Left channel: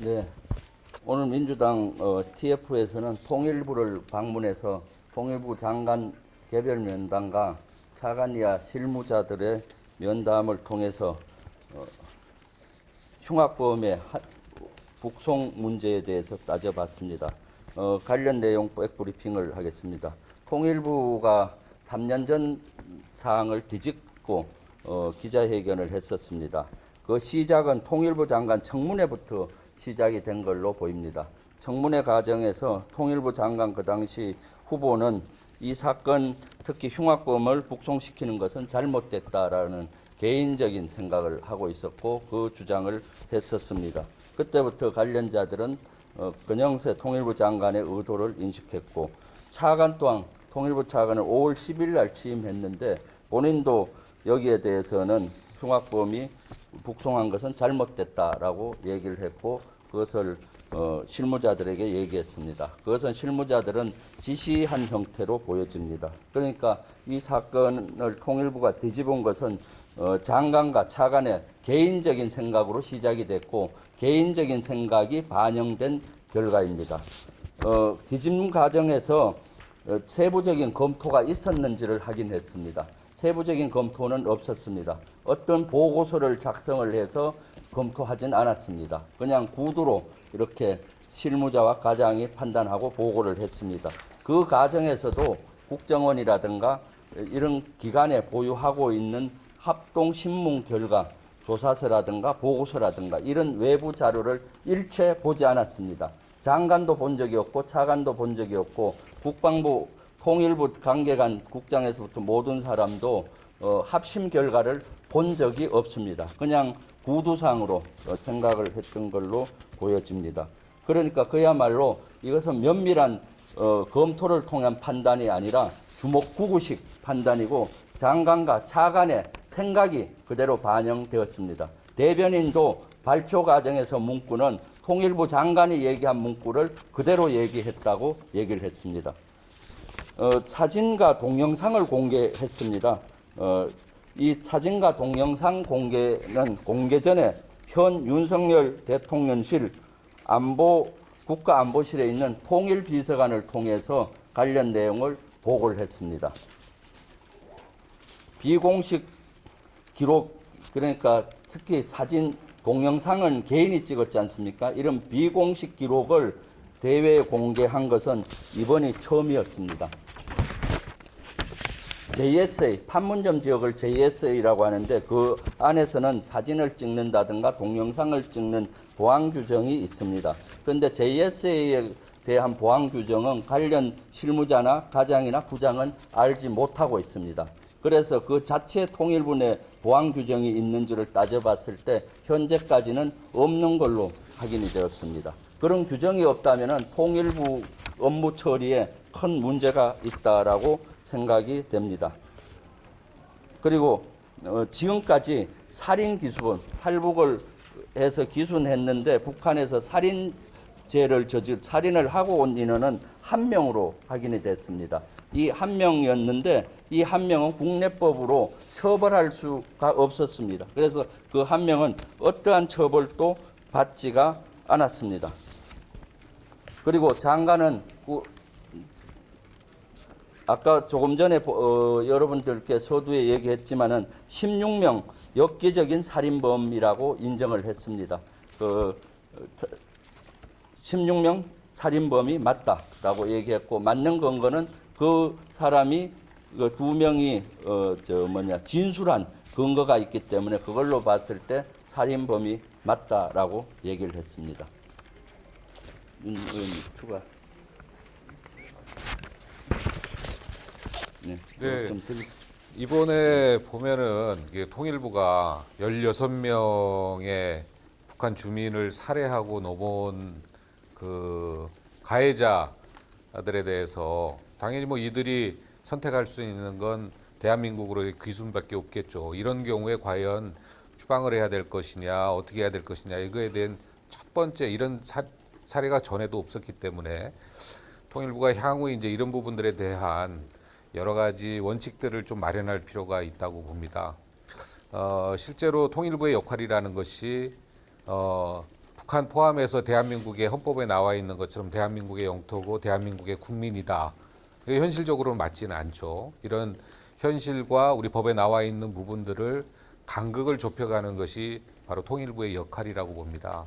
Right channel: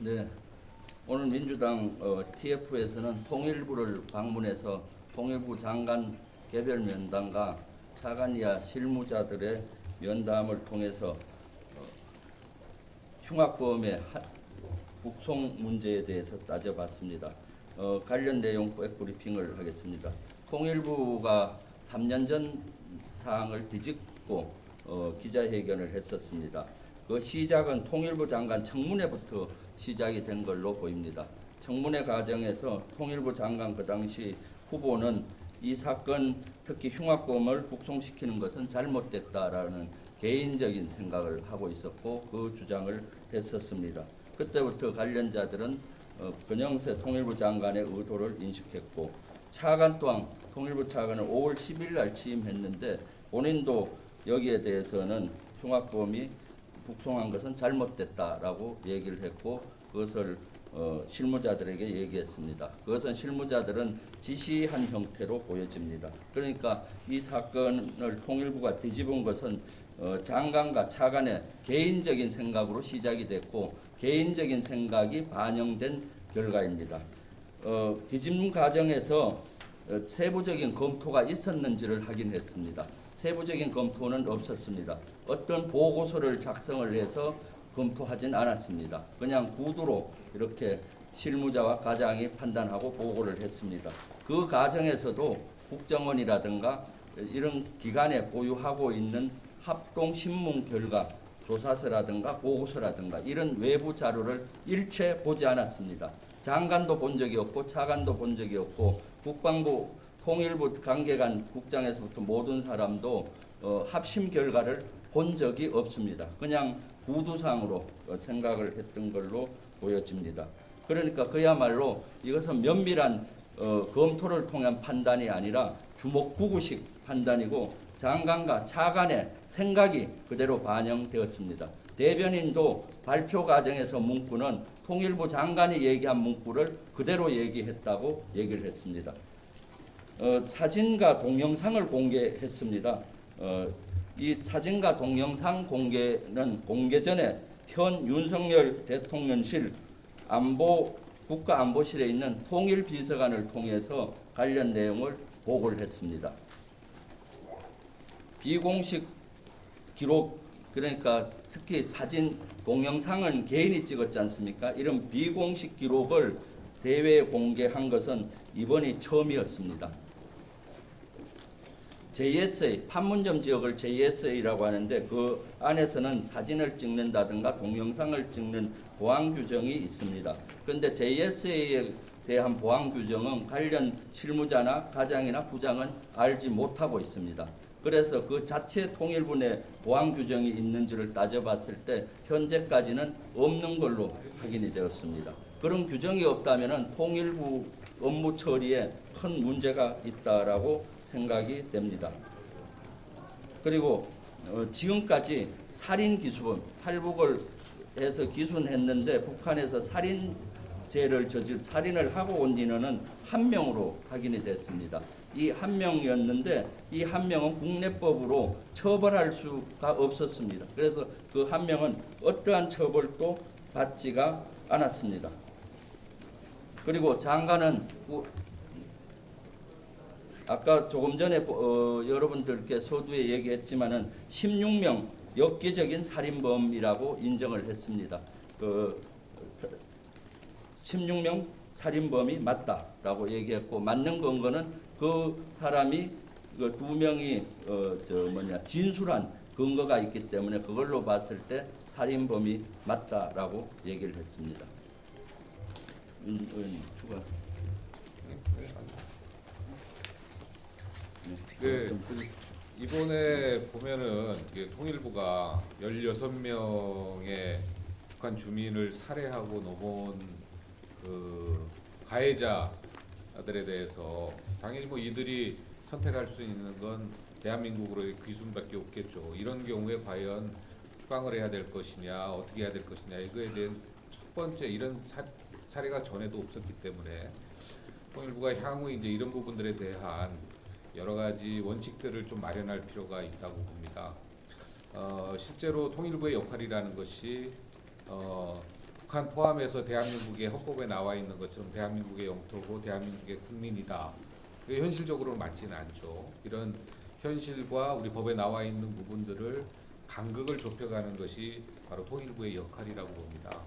네, 오늘 민주당 TF에서는 통일부를 방문해서 통일부 장관 개별 면담과 차관 이하 실무자들의 면담을 통해서 흉악범의 북송 문제에 대해서 따져봤습니다. 관련 내용 백브리핑을 하겠습니다. 통일부가 3년 전 사항을 뒤집고 기자회견을 했었습니다. 그 시작은 통일부 장관 청문회부터 시작이 된 걸로 보입니다. 청문회 과정에서 통일부 장관 그 당시 후보는 이 사건, 특히 흉악범을 북송시키는 것은 잘못됐다라는 개인적인 생각을 하고 있었고 그 주장을 했었습니다. 그때부터 관련자들은 권영세 통일부 장관의 의도를 인식했고, 차관 또한 통일부 차관은 5월 10일 날 취임했는데 본인도 여기에 대해서는 흉악범이 북송한 것은 잘못됐다라고 얘기를 했고, 그것을 실무자들에게 얘기했습니다. 그것은 실무자들은 지시한 형태로 보여집니다. 그러니까 이 사건을 통일부가 뒤집은 것은 장관과 차관의 개인적인 생각으로 시작이 됐고 개인적인 생각이 반영된 결과입니다. 뒤집는 과정에서 세부적인 검토가 있었는지를 확인했습니다. 세부적인 검토는 없었습니다. 어떤 보고서를 작성을 해서 검토하진 않았습니다. 그냥 구두로 이렇게 실무자와 과장이 판단하고 보고를 했습니다. 그 과정에서도 국정원이라든가 이런 기관에 보유하고 있는 합동 신문 결과, 조사서라든가 보고서라든가 이런 외부 자료를 일체 보지 않았습니다. 장관도 본 적이 없고 차관도 본 적이 없고 국방부 통일부 관계관 국장에서부터 모든 사람도 합심 결과를 본 적이 없습니다. 그냥 구두상으로 생각을 했던 걸로 보여집니다. 그러니까 그야말로 이것은 면밀한 검토를 통한 판단이 아니라 주먹구구식 판단이고 장관과 차관의 생각이 그대로 반영되었습니다. 대변인도 발표 과정에서 문구는 통일부 장관이 얘기한 문구를 그대로 얘기했다고 얘기를 했습니다. 사진과 동영상을 공개했습니다. 이 사진과 동영상 공개는 공개 전에 현 윤석열 대통령실 국가안보실에 있는 통일비서관을 통해서 관련 내용을 보고를 했습니다. 비공식 기록, 그러니까 특히 사진, 동영상은 개인이 찍었지 않습니까? 이런 비공식 기록을 대외에 공개한 것은 이번이 처음이었습니다. JSA, 판문점 지역을 JSA라고 하는데 그 안에서는 사진을 찍는다든가 동영상을 찍는 보안 규정이 있습니다. 그런데 JSA에 대한 보안 규정은 관련 실무자나 과장이나 부장은 알지 못하고 있습니다. 그래서 그 자체 통일부 내 보안 규정이 있는지를 따져봤을 때 현재까지는 없는 걸로 확인이 되었습니다. 그런 규정이 없다면 통일부 업무 처리에 큰 문제가 있다라고 생각이 됩니다. 그리고 지금까지 살인 기수범, 탈북을 해서 기순했는데 북한에서 살인을 하고 온 인원은 한 명으로 확인이 됐습니다. 이 한 명이었는데 이 한 명은 국내법으로 처벌할 수가 없었습니다. 그래서 그 한 명은 어떠한 처벌도 받지가 않았습니다. 그리고 장관은 아까 조금 전에 여러분들께 서두에 얘기했지만은 16명 엽기적인 살인범이라고 인정을 했습니다. 16명 살인범이 맞다라고 얘기했고 맞는 근거는 그 사람이 그 두 명이 진술한 근거가 있기 때문에 그걸로 봤을 때 살인범이 맞다라고 얘기를 했습니다. 추가. 네, 이번에 보면은 통일부가 16명의 북한 주민을 살해하고 넘어온 그 가해자들에 대해서 당연히 뭐 이들이 선택할 수 있는 건 대한민국으로의 귀순밖에 없겠죠. 이런 경우에 과연 추방을 해야 될 것이냐, 어떻게 해야 될 것이냐, 이거에 대한 첫 번째 이런 사례가 전에도 없었기 때문에 통일부가 향후 이제 이런 부분들에 대한 여러 가지 원칙들을 좀 마련할 필요가 있다고 봅니다. 실제로 통일부의 역할이라는 것이 북한 포함해서 대한민국의 헌법에 나와 있는 것처럼 대한민국의 영토고 대한민국의 국민이다. 그게 현실적으로는 맞지는 않죠. 이런 현실과 우리 법에 나와 있는 부분들을 간극을 좁혀가는 것이 바로 통일부의 역할이라고 봅니다.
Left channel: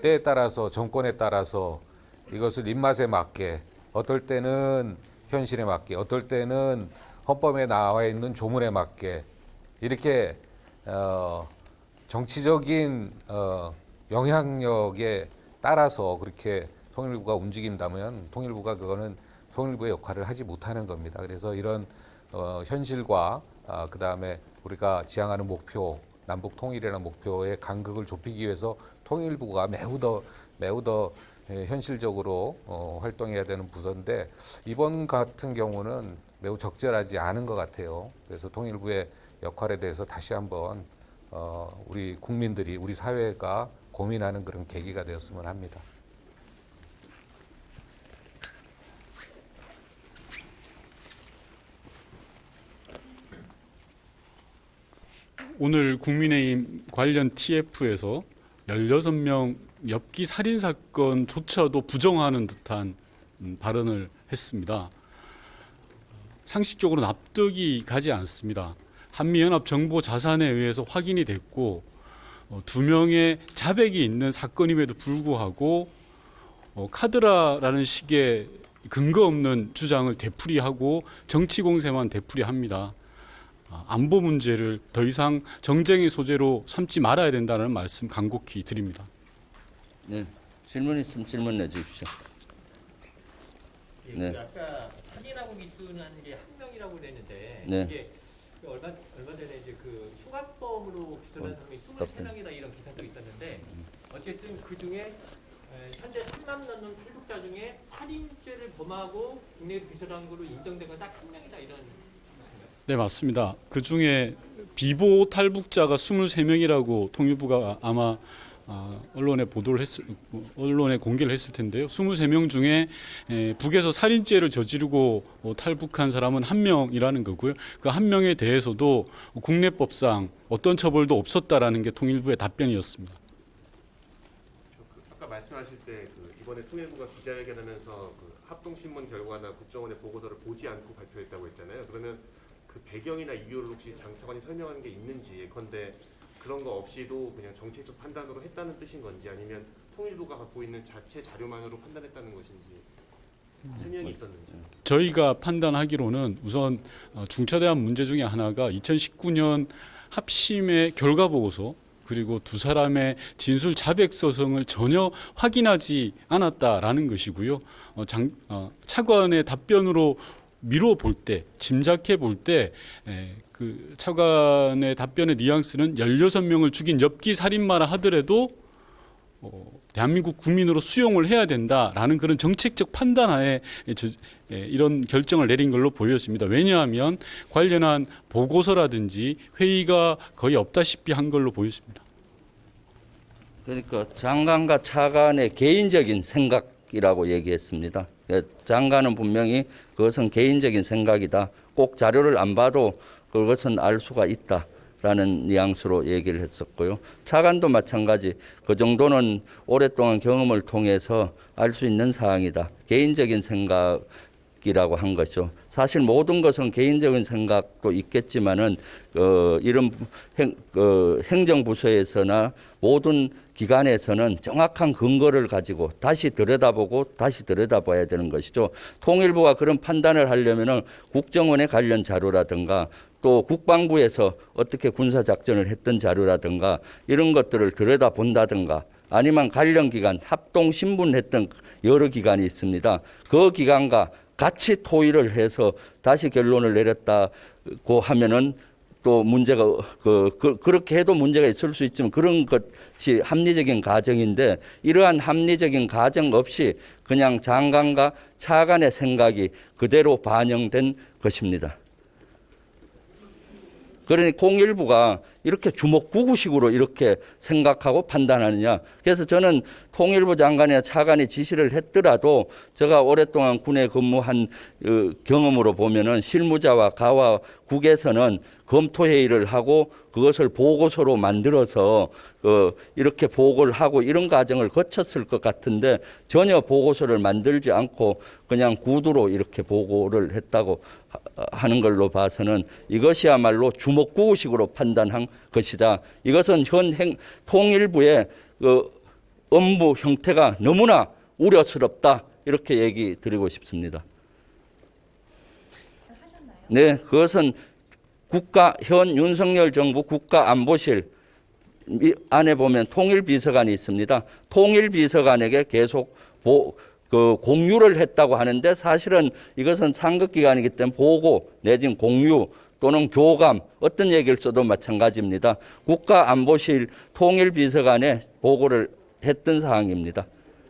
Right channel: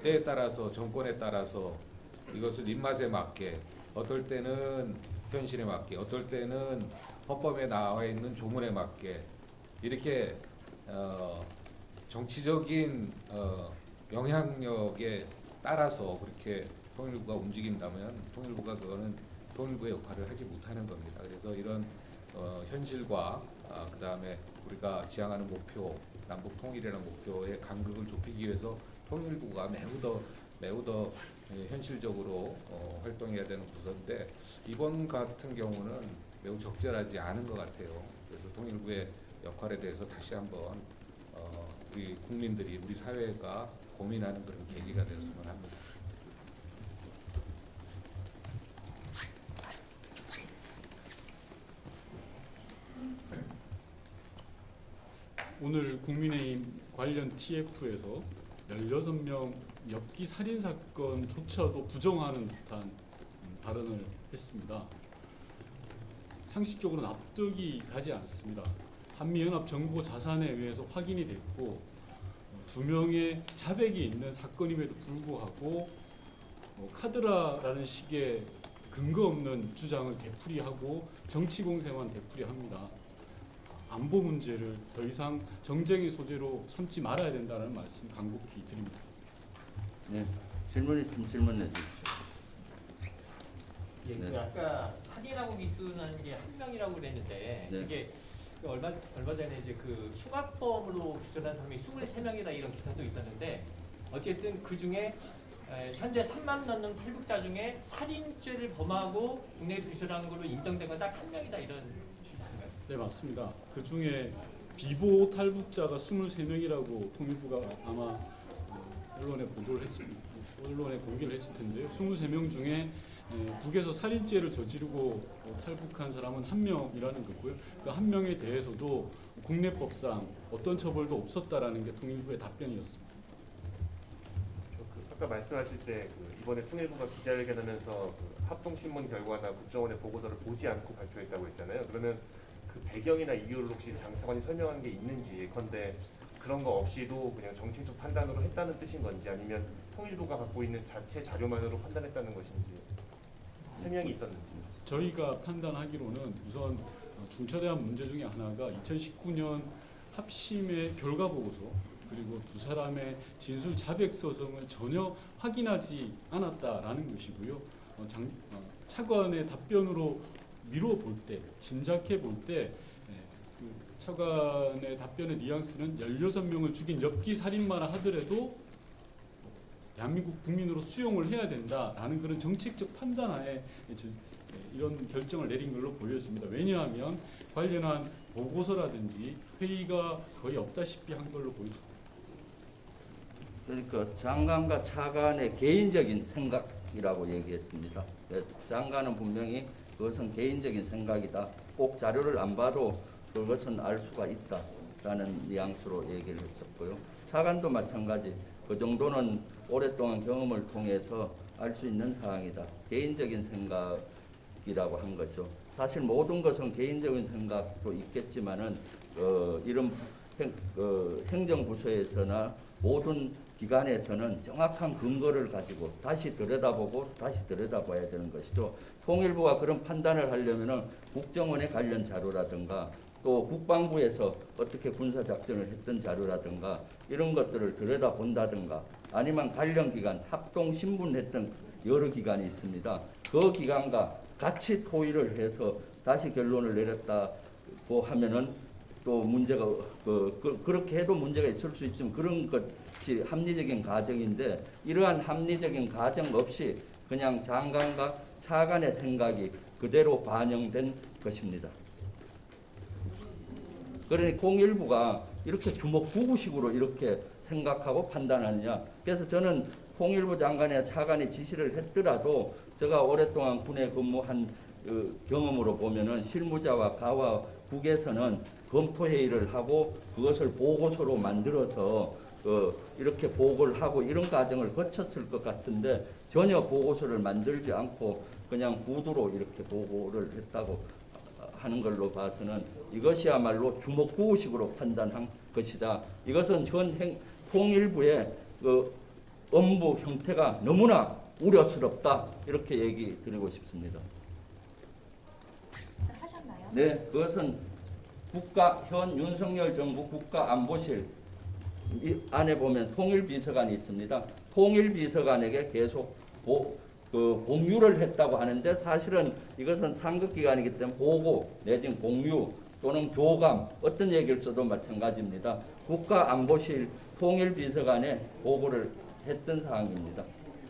때에 따라서 정권에 따라서 이것을 입맛에 맞게 어떨 때는 현실에 맞게 어떨 때는 헌법에 나와 있는 조문에 맞게 이렇게 정치적인 영향력에 따라서 그렇게 통일부가 움직인다면 통일부가 그거는 통일부의 역할을 하지 못하는 겁니다. 그래서 이런 현실과 그다음에 우리가 지향하는 목표 남북 통일이라는 목표의 간극을 좁히기 위해서 통일부가 매우 더 현실적으로 활동해야 되는 부서인데 이번 같은 경우는 매우 적절하지 않은 것 같아요. 그래서 통일부의 역할에 대해서 다시 한번 우리 국민들이 우리 사회가 고민하는 그런 계기가 되었으면 합니다. 오늘 국민의힘 관련 TF에서 16명 엽기 살인 사건조차도 부정하는 듯한 발언을 했습니다. 상식적으로 납득이 가지 않습니다. 한미연합 정보 자산에 의해서 확인이 됐고 2명의 자백이 있는 사건임에도 불구하고 카드라라는 식의 근거 없는 주장을 되풀이하고 정치 공세만 되풀이합니다. 안보 문제를 더 이상 정쟁의 소재로 삼지 말아야 된다는 말씀 간곡히 드립니다. 네, 질문 있으면 질문해 주십시오. 네. 아까 살인하고 미수라는 게 한 명이라고 그랬는데 네. 이게 얼마 전에 이제 그 수갑범으로 기소된 사람이 23명이나 이런 기사도 있었는데 어쨌든 그 중에 현재 3만 넘는 탈북자 중에 살인죄를 범하고 국내 기소한 걸로 인정된 건 딱 한 명이다 이런. 네, 맞습니다. 그 중에 비보 탈북자가 23명이라고 통일부가 아마 언론에 공개를 했을 텐데요. 23명 중에 북에서 살인죄를 저지르고 탈북한 사람은 1명이라는 거고요. 그 1명에 대해서도 국내법상 어떤 처벌도 없었다라는 게 통일부의 답변이었습니다. 아까 말씀하실 때 이번에 통일부가 기자회견하면서 합동신문 결과나 국정원의 보고서를 보지 않고 발표했다고 했잖아요. 그러면 그 배경이나 이유를 혹시 장 차관이 설명한 게 있는지 예컨대 그런 거 없이도 그냥 정치적 판단으로 했다는 뜻인 건지 아니면 통일부가 갖고 있는 자체 자료만으로 판단했다는 것인지 설명이 있었는지. 저희가 판단하기로는 우선 중차대한 문제 중에 하나가 2019년 합심의 결과 보고서 그리고 두 사람의 진술 자백 서성을 전혀 확인하지 않았다라는 것이고요. 차관의 답변으로 미뤄 볼 때, 짐작해 볼 때 그 차관의 답변의 뉘앙스는 16명을 죽인 엽기 살인마라 하더라도 대한민국 국민으로 수용을 해야 된다라는 그런 정책적 판단하에 이런 결정을 내린 걸로 보였습니다. 왜냐하면 관련한 보고서라든지 회의가 거의 없다시피 한 걸로 보였습니다. 그러니까 장관과 차관의 개인적인 생각이라고 얘기했습니다. 장관은 분명히 그것은 개인적인 생각이다. 꼭 자료를 안 봐도 그것은 알 수가 있다라는 뉘앙스로 얘기를 했었고요. 차관도 마찬가지. 그 정도는 오랫동안 경험을 통해서 알 수 있는 사항이다. 개인적인 생각이라고 한 것이죠. 사실 모든 것은 개인적인 생각도 있겠지만은 이런 행정부서에서나 모든 기관에서는 정확한 근거를 가지고 다시 들여다보고 다시 들여다봐야 되는 것이죠. 통일부가 그런 판단을 하려면은 국정원의 관련 자료라든가 또 국방부에서 어떻게 군사작전을 했던 자료라든가 이런 것들을 들여다본다든가 아니면 관련 기관 합동신문했던 여러 기관이 있습니다. 그 기관과 같이 토의를 해서 다시 결론을 내렸다고 하면은 또 문제가 그렇게 해도 문제가 있을 수 있지만 그런 것이 합리적인 가정인데 이러한 합리적인 가정 없이 그냥 장관과 차관의 생각이 그대로 반영된 것입니다. 그러니 통일부가 이렇게 주먹구구식으로 이렇게 생각하고 판단하느냐. 그래서 저는 통일부 장관이나 차관이 지시를 했더라도 제가 오랫동안 군에 근무한 경험으로 보면은 실무자와 가와 국에서는 검토회의를 하고 그것을 보고서로 만들어서 이렇게 보고를 하고 이런 과정을 거쳤을 것 같은데 전혀 보고서를 만들지 않고 그냥 구두로 이렇게 보고를 했다고 하는 걸로 봐서는 이것이야말로 주먹구구식으로 판단한 것이다. 이것은 현 통일부의 업무 형태가 너무나 우려스럽다. 이렇게 얘기 드리고 싶습니다. 하셨나요? 네, 그것은 현 윤석열 정부 국가안보실 안에 보면 통일비서관이 있습니다. 통일비서관에게 계속 공유를 했다고 하는데 사실은 이것은 상급기관이기 때문에 보고 내지는 공유 또는 교감 어떤 얘기를 써도 마찬가지입니다. 국가안보실 통일비서관에 보고를 했던 사항입니다.